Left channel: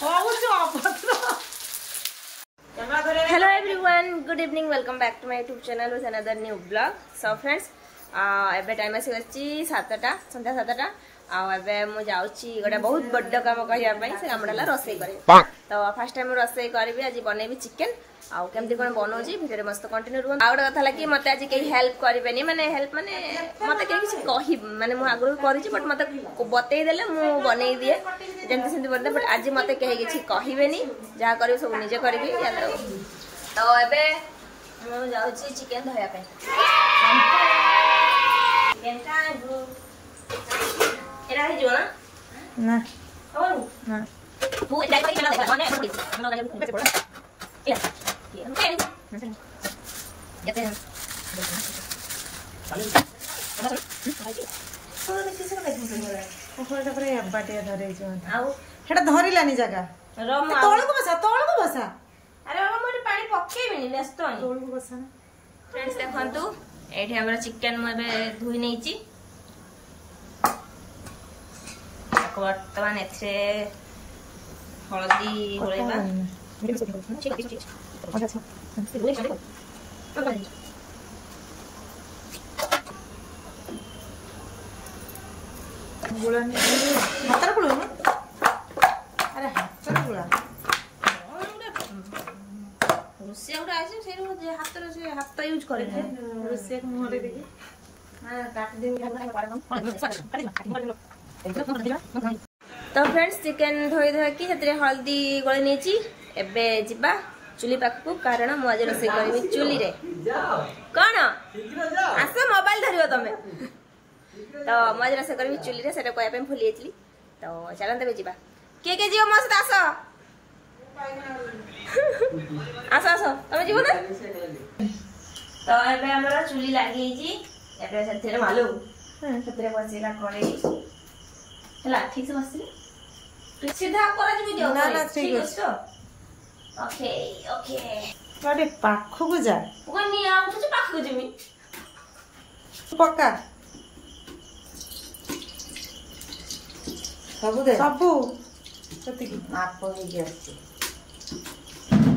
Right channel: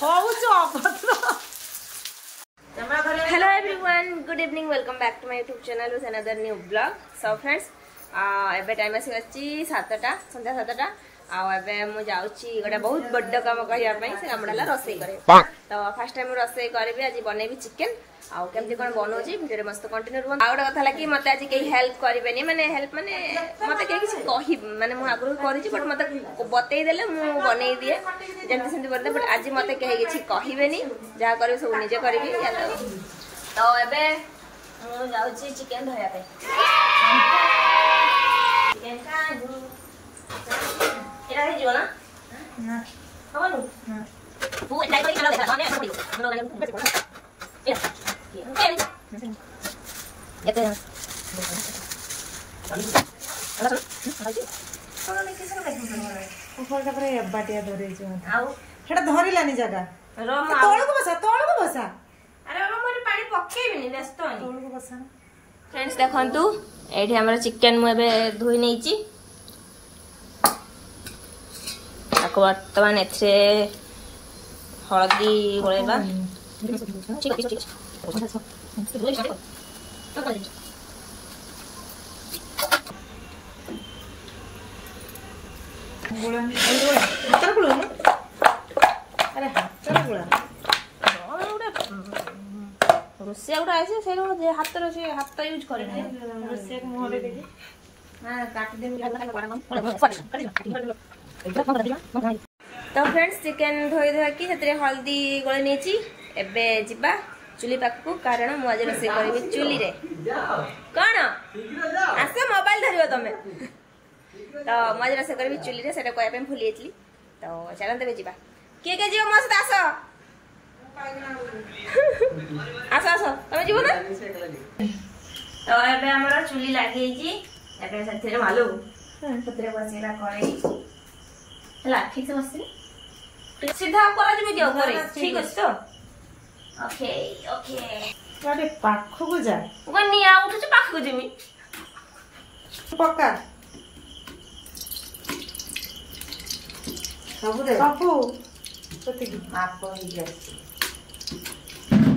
Hello everyone, good evening, welcome back to my YouTube channel with another new vlog. So friends, एबे time आसी गछि 7टा संध्या 7टा आ एबे मु जाउछि गोटा बहुत बड्ड काम कहिया पई से कामडला रसोई करे। तो फर्स्ट टाइम रसोई करबी आज बनेबी चिकन आ केमती कोन बनौछि वीडियो रे मस्त कंटिन्यू रहबो। आ गोटा कथा लागी मते आज केही हेल्प करबेनी माने हेल्प माने मते केही किछि कहि माने मु आगु करिछि बट मते बतै देले मु बनै दिए जेमती सेमती बरदे बट आज मते केही किछि कहिबेनी जा करबी सब निजे करबी। तो एबे मु जाउछि चिकन धोया पे चिकन का एरा हे जोना ना हवन ना तू एटा करी कला देखा ने न लगे पड़ा ए जते ना ओखरटा पर बाटिया धरे जो आउ हेटा धरिलानी जगह रम तोळ को बसा अरे बाबा मोर पानी पकेबिनी व्यस्त होई तोळ को बसा ना। फ्रेंड्स देखंतु एठी हमर चिकन मु एबे धोई नैची ताको वर्तमान एथे हळदी होळेबा ठीक ठीक गुळा हातर गुळा ना अरे हातर गुळा रोसिया उडा आसे से हातर से हाथ यूज करे रोसिया के मुहरे देखि ना काट दे तो फ्रेंड्स चिकन धोई धोई कि सेतरे हल्दी गळे नेची एबे जिबा चुली पाखु कारण मु आज रसोई करबी चुली रे कोन आसे मोबाइल धरियो तमे तो मु आज रसोई करबी चुली रे सेटा कोया पे भूली एतली तो चलन देबे जिबा के जियो मो साथ आसो आसो आसो तमे जीवो ना तो एबे हमर चुली लागि छी एबे सेतरे मालू सेतरे बसिला करै हला ठीक से बसिला सीधा करा जिबे दियो करे ठीक अछि तो ओके ओके गाडी पाखो को जा गनी आ उठछ पाखो जिमी पक्का सबु सती माप हो जाय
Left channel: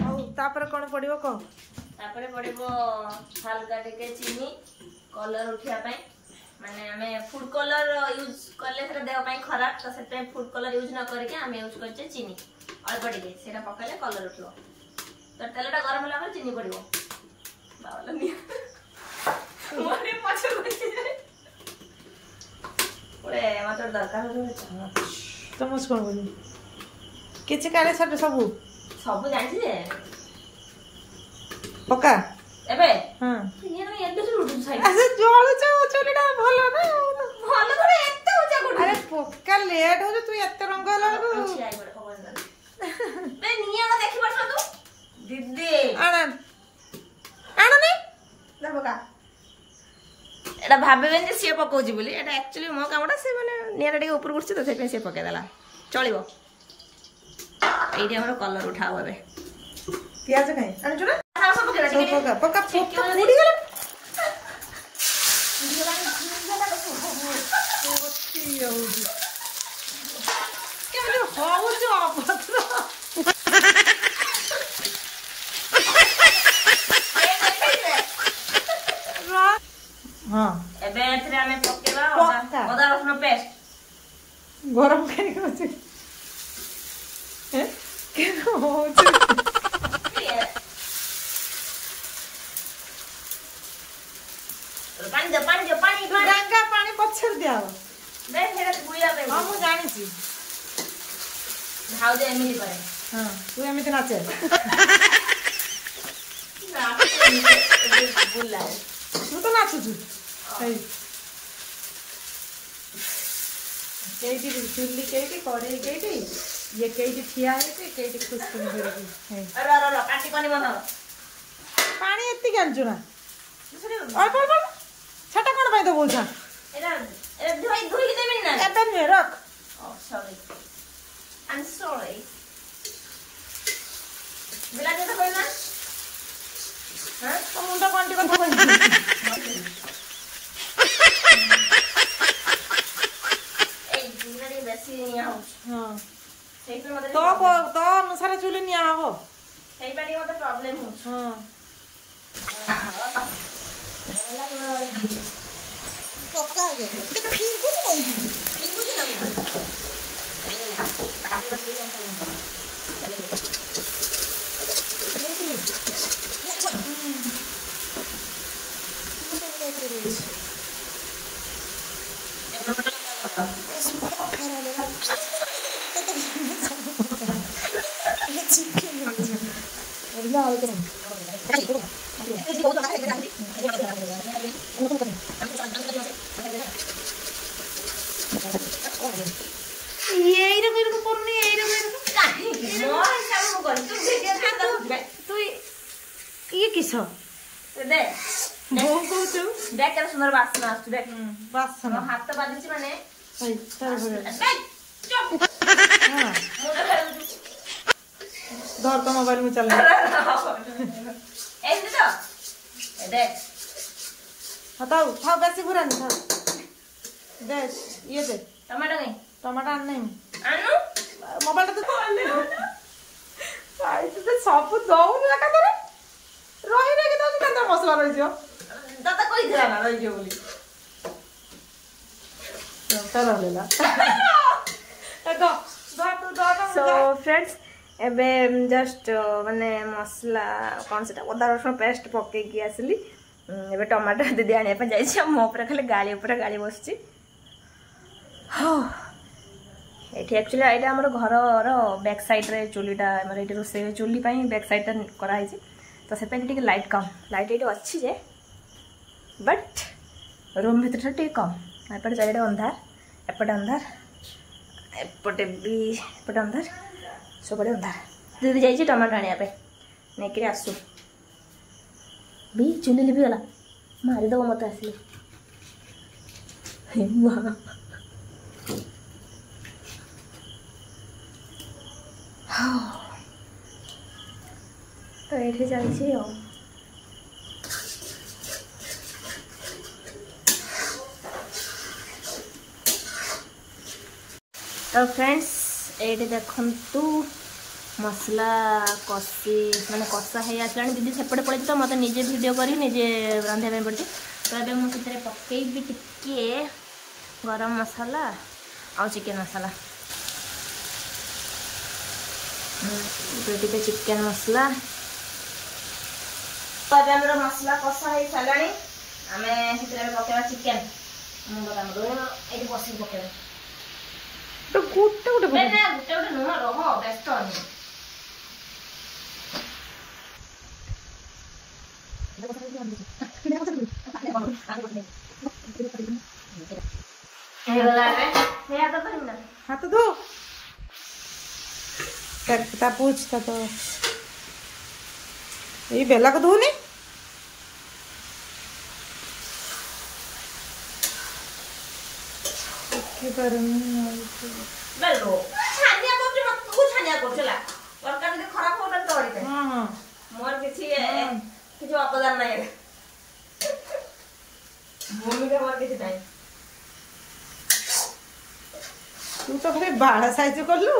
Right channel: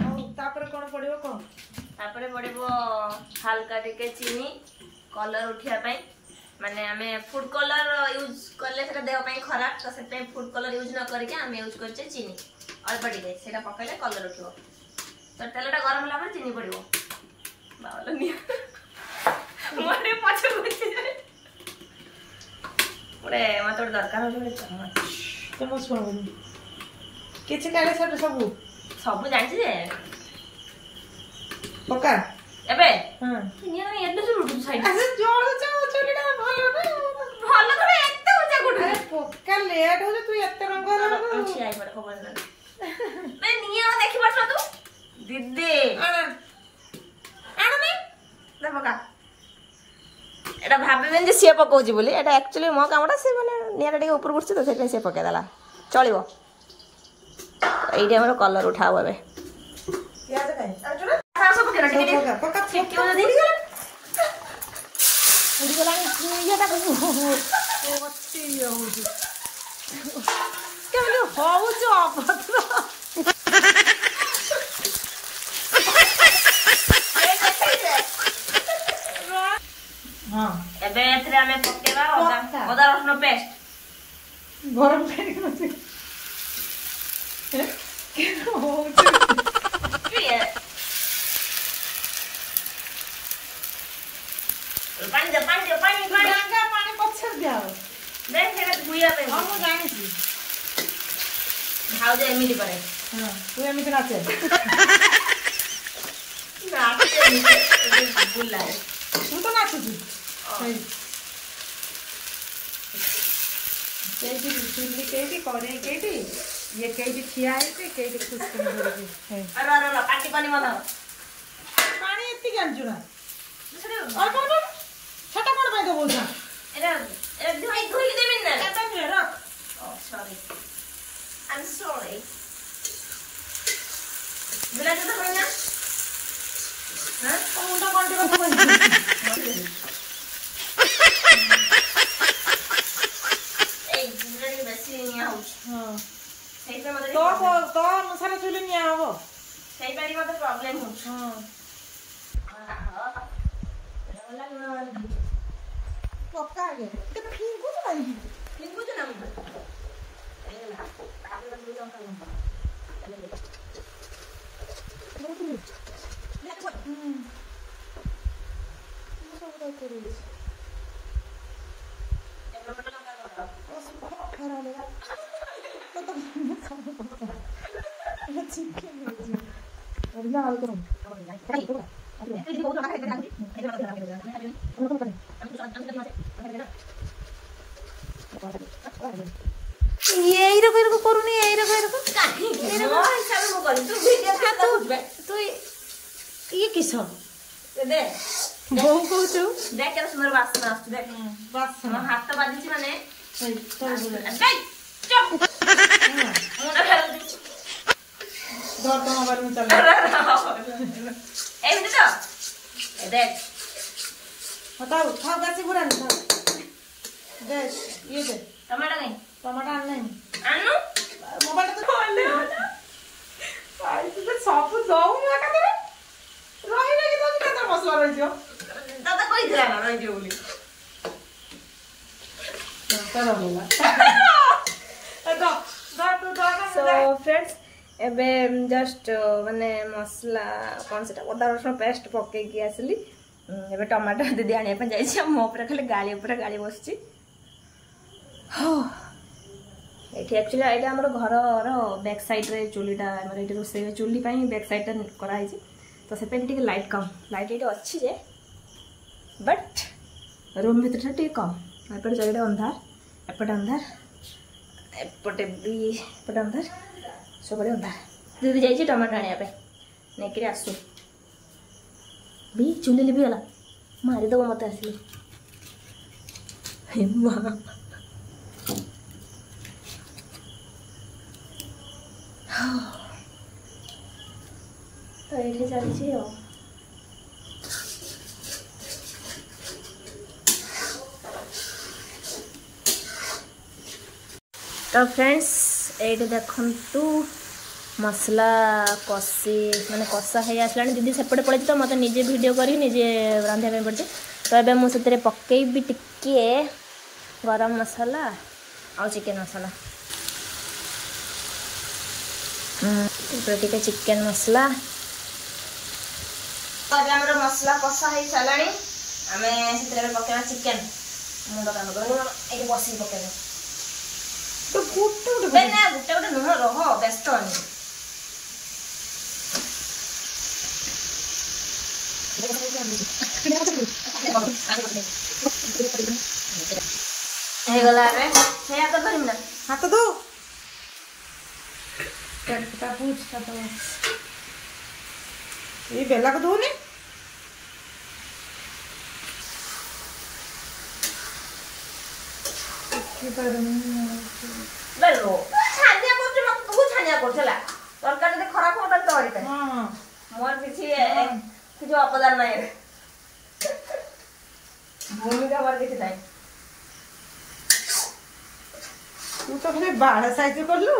आ तापर कोन पडियो को तापर पडिबो हल्का टिके चीनी कलर उठिया पई माने हमें फूड कलर यूज करले सेटा देह पई खराब तो सेटा फूड कलर यूज न करके हमें यूज करछे चीनी अल्प टिके सेटा पकैले कलर उठियो तो तेलटा गरम होला पर चीनी पडिबो बावलो नि मोरे पछ गुछि जाय ओरे मत दरकार हो तो मु कोन बोली किछ काले सब सब जानछि जे पक्का एबे हां निया एड्डे से रुडु साइड अरे जोळु जा चोलीटा भलो ना भलो करे एत्ते उचा गुडु अरे पक्का लेट होले तू एत्ते रंग होला को अच्छी आई बड़े खबर मैं निया देखि परछ तू दीदी आना ने ले बका एटा भाबेबेन जे से पकोजी बोली एटा एक्चुअली मो कामटा से माने निया टिके ऊपर गुछि तो सेके से पके देला चलिबो एइटे हमर कलर उठाओ एबे प्याज काई आनछो ना सब पक्का पक्का क्यों नहीं उड़ी गेला निया ता ओती होउजी केमले होउजो अपत्र हां एबे एथरे हमें पकेबा अदा रसुन पेस्ट गरम काई होछि के होउजी पानी दे गंगा पानी पछर दियाओ देख हेरा बुइया पे हां मु जानि छी भाव दे एमिली परे हां तू एमिति नाचे बुल्ला तू तो नाचु छी सही केटी चुल्ली केटी करे केटी ये केटी ठिया है ते केटी खुश कर धरे की है अरे अरे पार्टी पानी बना पानी एत्ती जानछु ना दूसरे और छटा कोन पाई दो बोलछा एरा भाई घुई देबेन ना एतन ने रख ओ सॉरी आई एम सॉरी बुला दे तो कोई ना हां तो मुंडा कोंटी को कोई ସେଇପାଇଁ ମତେ तो अनुसार चुली निया हबो ସେଇପାଇଁ ମତେ ପ୍ରୋବ୍ଲେମ ହଉଛି। हां ये रो करूनी ये रो तू ये किस दे बो कहू देख केते सुंदर बासना आसु देख बस मो हाथ बाजिछि माने धर तो मोबाइल में चल एमती तो देख हटाओ था बेसी बुरा नहीं था दे ये दे टमाटर नहीं टमाटर आन नहीं आनु मोबाइल तो खोले आई तो सब दऊ ना का करे रही रही तो केता मसला रही जो दादा कोई दिला ना रही जो बोली तो रहलेला सो फ्रेंड्स एबे जस्ट माने मसला कौन से अदा रसुण पेस्ट पके की आसली एबे टमाटर दीदी आने पे जाई मो ऊपर खाली गाली ऊपर गाली बसची एठी एक्चुअली एटा हमर घर रो बैक साइड रे चुलीटा हमर एठी रोसे चुली पई बैक साइड टा करा है तो से पे टिके लाइट कम लाइट एठी अच्छी जे बट रूम भीतर टिके कम एपटे चारिटा अंधार एपटे अंधार एपटे भी एपटे अंधार सब अंधार दीदी जाइए टमाटर आने पे नहीं आसू भी चुली लिपि गला मारिदेव मत आसिले तो ये चलती तो फ्रेंड्स ये देखु मसला कषी माने कषा है आसला दीदी सेपटे पड़े तो मत निजे वीडियो करी निजे रांधिया पड़े तो ये मुझे पकईबी टिके गरम मसला आ चिकेन मसला टिके चिकेन मसला तो ये मसला कषा है सारा आम से पकेवा चिकेन मुंड काम कर बस पकेवा तो गोटे गोटे ना गोटे गोटे नुह रह व्यस्त हाथ दो पूछता तो ये बेला को दो नहीं तरकारी खराब हो मोर किसी अपदान ना भूमिका मोर किसी ना तू तो खाली बाड़ा साइज कर लू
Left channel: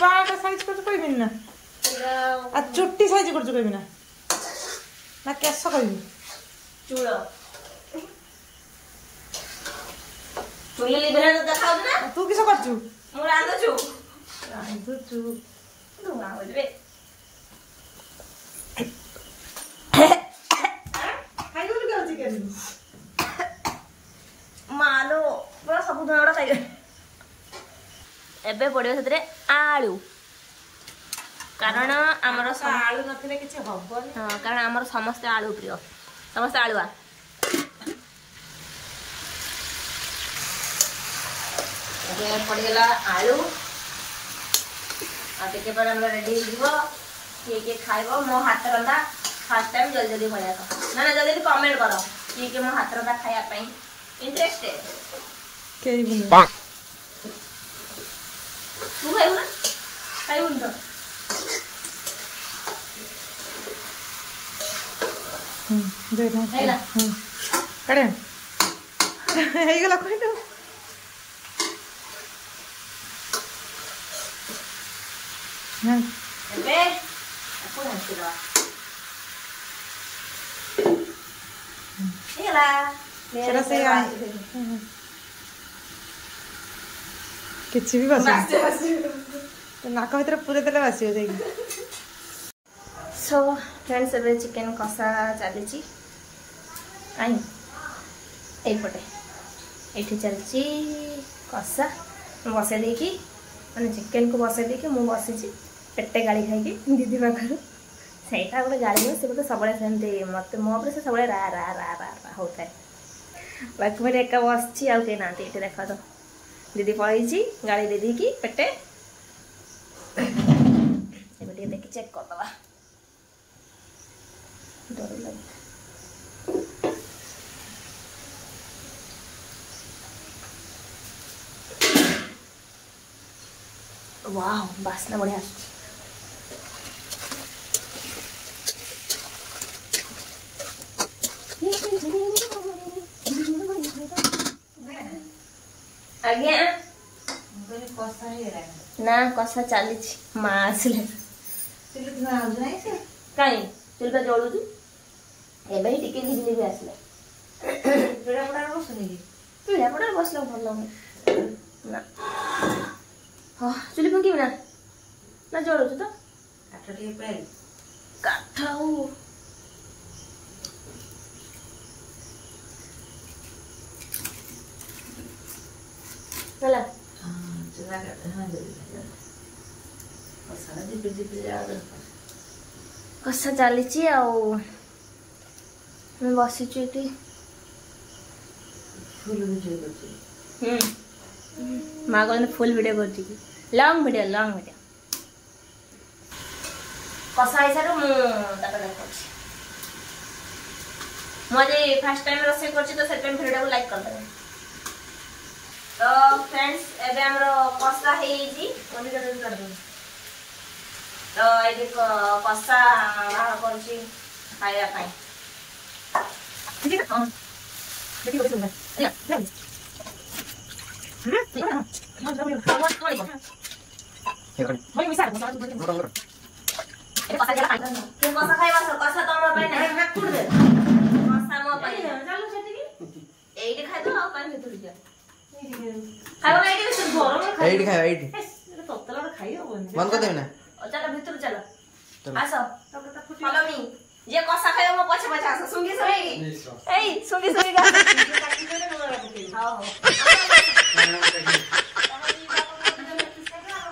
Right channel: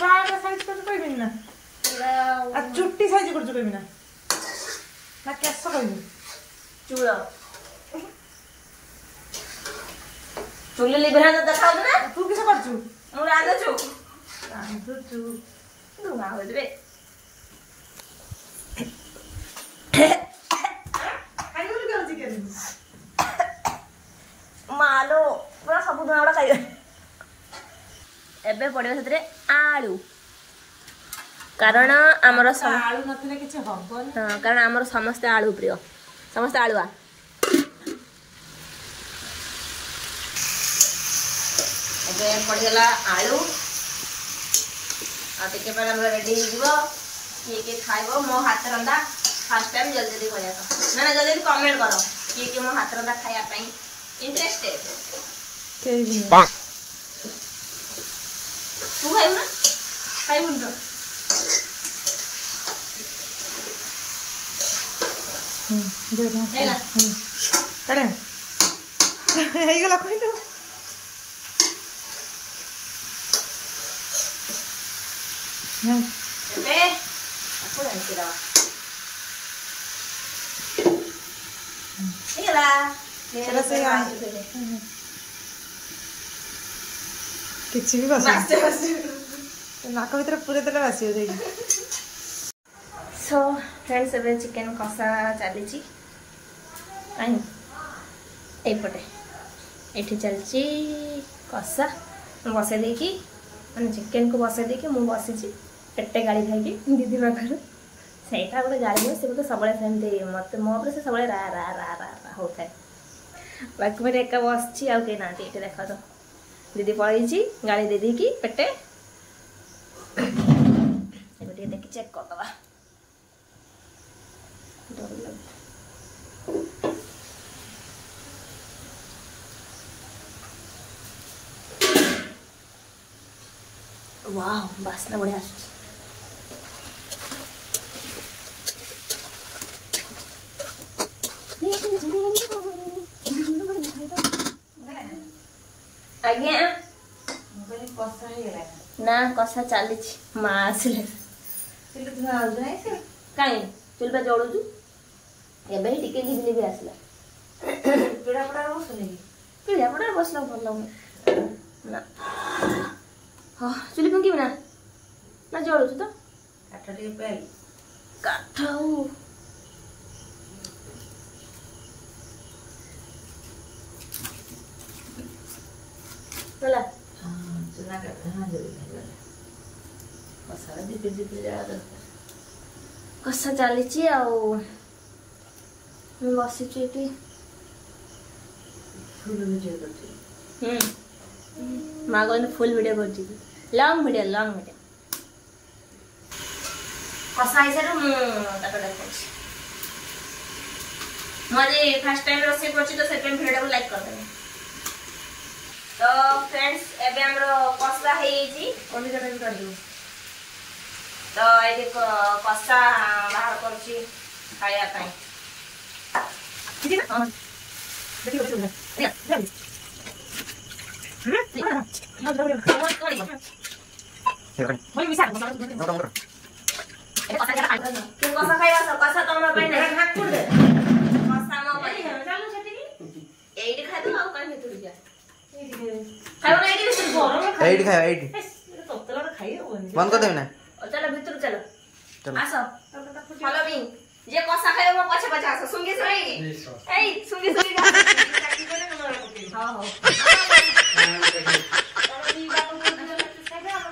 बाड़ा साइज कर कहबी ना चुट्टी साइज कर कहबी ना केस कहबी चूड़ चुली लिबे ना देखा ना तू किस करछु मु रांधछु रांधछु तू ना देबे खाइ दो के चिकन मालो पूरा सब दुना खाइबे एबे पड़े से आलू कारण आमर आलू नथिले किछि हबो नै हां कारण आमर समस्त आलू प्रिय समस्त आलुआ एबे पड़ेला आलू आ टिके पर हमरा रेडी हो जीवो के खाइबो मो हाथ रंदा फर्स्ट टाइम जल्दी जल्दी बोलिया ना जल्दी कमेंट करो के मो हाथ रंदा खाया पई इंटरेस्टेड के भी तू खाइबू ना खाइबू तो दे ना हेला करे ହେଇଗଲା କହିଲୁ ଏବେ ଆପଣ ହେଇଗଲା ସେଟା ସେ କିଛି ବି ବାସିବ ନାକ ଭିତରେ ପୁରେଇ ଦେଲେ ବାସିବ ଯାଇକି। सो फ्रेंड्स ଏବେ ଚିକେନ କଷା ଚାଲିଛି କାହିଁ ଏଇପଟେ ଏଠି ଚାଲିଛି କଷା ମୁଁ ବସେଇ ଦେଇକି ମାନେ ଚିକେନକୁ ବସେଇ ଦେଇକି ମୁଁ ବସିଛି ପେଟେ ଗାଳି ଖାଇକି ଦିଦି ପାଖରୁ ସେଇଟା ଗୋଟେ ଗାଳି ନୁହେଁ ସେ ମୋତେ ସବୁବେଳେ ସେମିତି ମୋତେ ମୋ ଉପରେ ସେ ସବୁବେଳେ ରା ରା ରା ରା ରା ହେଉଥାଏ ବାକି ମୁଁ ଏକା ବସିଛି ଆଉ କେହି ନାହାନ୍ତି ଏଠି ଦେଖ ତ ଦିଦି ପଳେଇଛି ଗାଳି ଦେଇ ଦେଇକି ପେଟେ ଏବେ ଟିକେ ଦେଖି ଚେକ୍ କରିଦେବା डर लगे वाह बासना बढ़िया आज्ञा ना कसा चली माँ आसिले कहीं चुल पे जलुचु ଏବେ ହିଁ ଟିକେ ଲିଭି ଲିଭି ଆସିଲା ପିଢ଼ା ପଡ଼ାରେ ବସିଲା ଭଲ ଲାଗୁନି ନା ହଁ ଚୁଲି ଫୁଙ୍କିବି ନା ନା ଜଳୁଛୁ ତ କାଠ ଟିକେ ପାଇ କାଠ ଆଉ ହେଲା କଷା ଚାଲିଛି ଆଉ मैं बसी फुल वीडियो कर माँ कहते फुल वीडियो कर लॉन्ग वीडियो कषा हिसाब मुझे फर्स्ट टाइम रोसे कर तो से वीडियो को लाइक कर तो फ्रेंड्स एबे हमरो कषा हे जी तो ये कषा बाहर करछि खाया पाई ठीक है हां देखिए बोल दे होय मिसा कसा खाइबा कसा तमरा पाई नै हाक कुड दे कसा म पाई चालू छथि की एडी खाइ दो आ काई मितुरी जा खाइबो एडी से गरम एडी खाइबा एडी ततला खाइ होबनी बंद कर देबे ना चलो भीतर चलो आसो फॉलो मी जे कसा खाइबो म पछे पछे आसो सुंगी सुंगी ए सुंगी सुंगी हां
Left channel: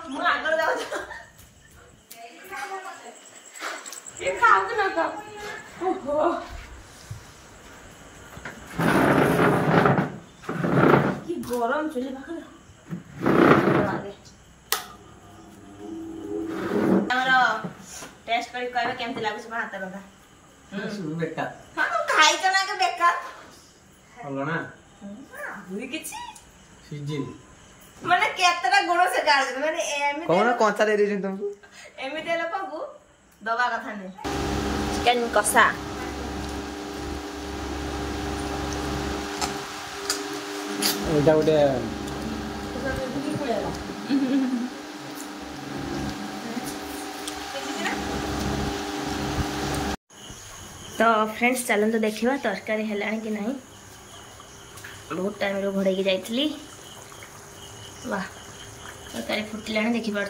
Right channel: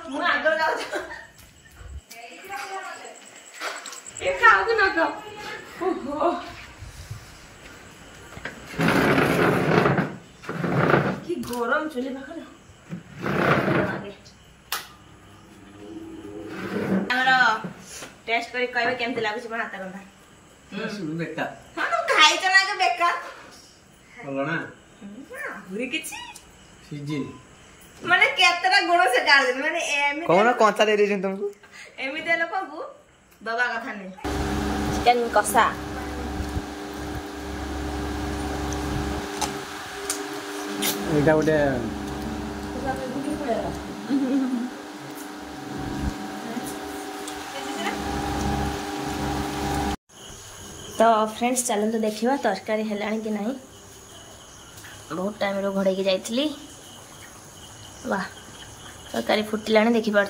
मु आगर जाउ ये खाओ कि न खाओ ओहो की गरम चुली पाखरे हमरा टेस्ट करी कहबे केमते लागुछ म हाथ रंधा सुनु बेकार हां खाइ त ना के बेकार हलो ना हुरी किछि सीजन माने केतरा गुण से डाल दे माने एमे कोन कोंचा दे देछन तुमको एमिते लोक को दबा कथा नै चिकन कसा एटा उडे तो फ्रेंड्स चलते देखा तरकारी है कि नहीं बहुत टाइम रो घोड़े की जाइली वाह तरकारी फुटिला देखिपार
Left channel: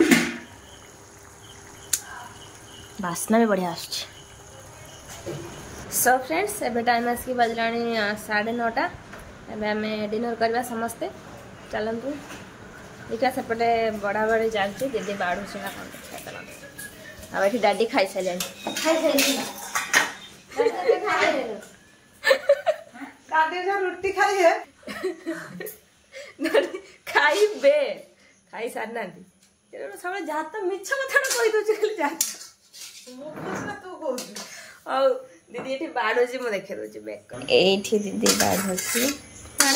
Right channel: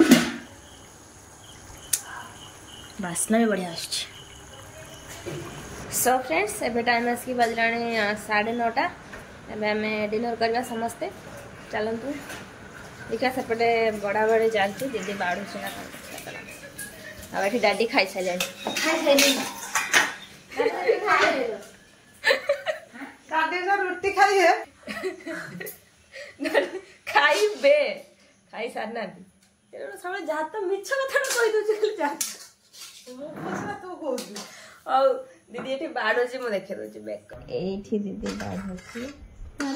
बास्ना भी बढ़िया आस सो फ्रेंड्स एबे टाइम आसिक बजला 9:30 एबे आम डिनर करवा समस्ते चलतु देखा सेपटे बड़ा बड़ी जाती दीदी बाड़ू ना कौन देखा ये डाडी खाई सारे रुटी खाइए खाइबे खाई सारना सब जहाँ तो मिछ कथा कही दूसरी दीदी ये बाढ़ुची मुझे देखे दूसरी बेक ये दीदी बाढ़ुची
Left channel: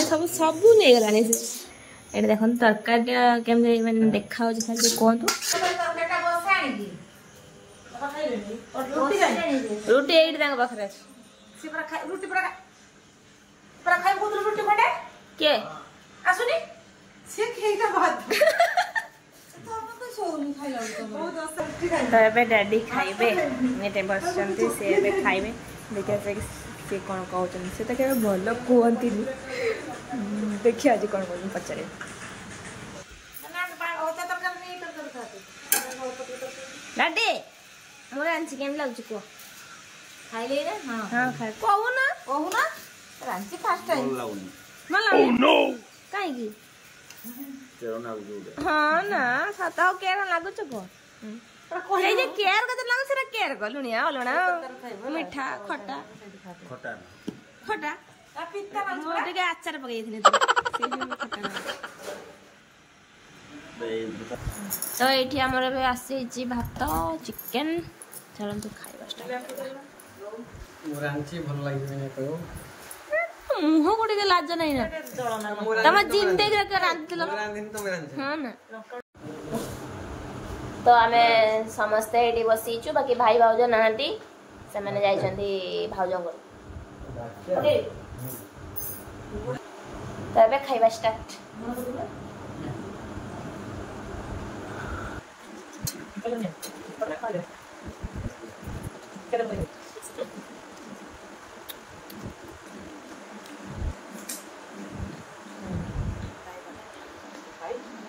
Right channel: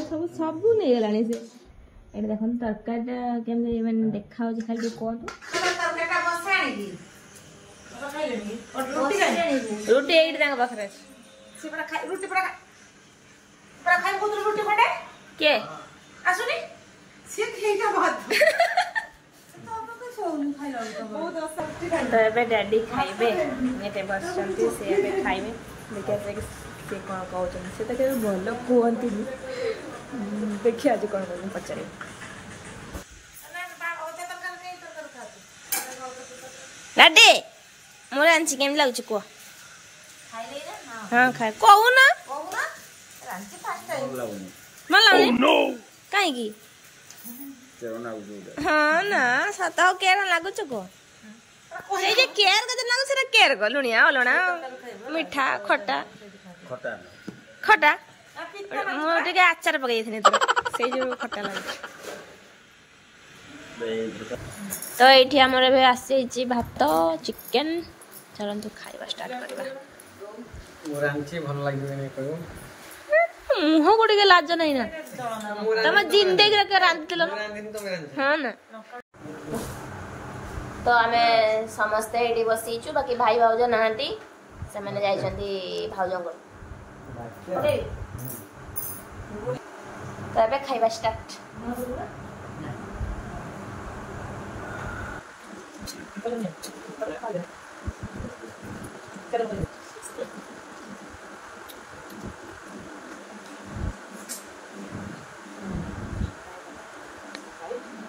सब सब नहीं गला से ये देख तरकारी केमती मैंने देखा खाली कहतु रुटी ये पाखे रुटी के आसुनी से खेगा बात तो एबे डैडी खाइबे नेटे बसचंती से एबे खाइबे देखिया से कौन कहउछन से त के भलो कहंती देखिया आज कौन कहउछन पचारे डैडी मोर आंची केम लागछ को खाइले ना हां खाइ कहू ना रांची फास्ट टाइम मला नो काई की हाँ ना सताओ केर लागुच को से जे केर कते लागु से केर को लुनिया ओलणा मीठा खट्टा खट्टा मो टिके आचार पकाई थने तो से जो खट्टा लागु तो एठी हमर बे आसे छी भात चिकन चलन तो खाइबा स्टार्ट करबा मोरांची भल लागि नै कयो मुह गोटे के लाज नहीं ना तम जिंदगी के रांधिल हाँ ना तो आमे समस्ते एडी बसीचु बाकी भाई भाउज नांती से माने जाइछंती भाउजंग ओके तो एबे खाइबा स्टार्ट कर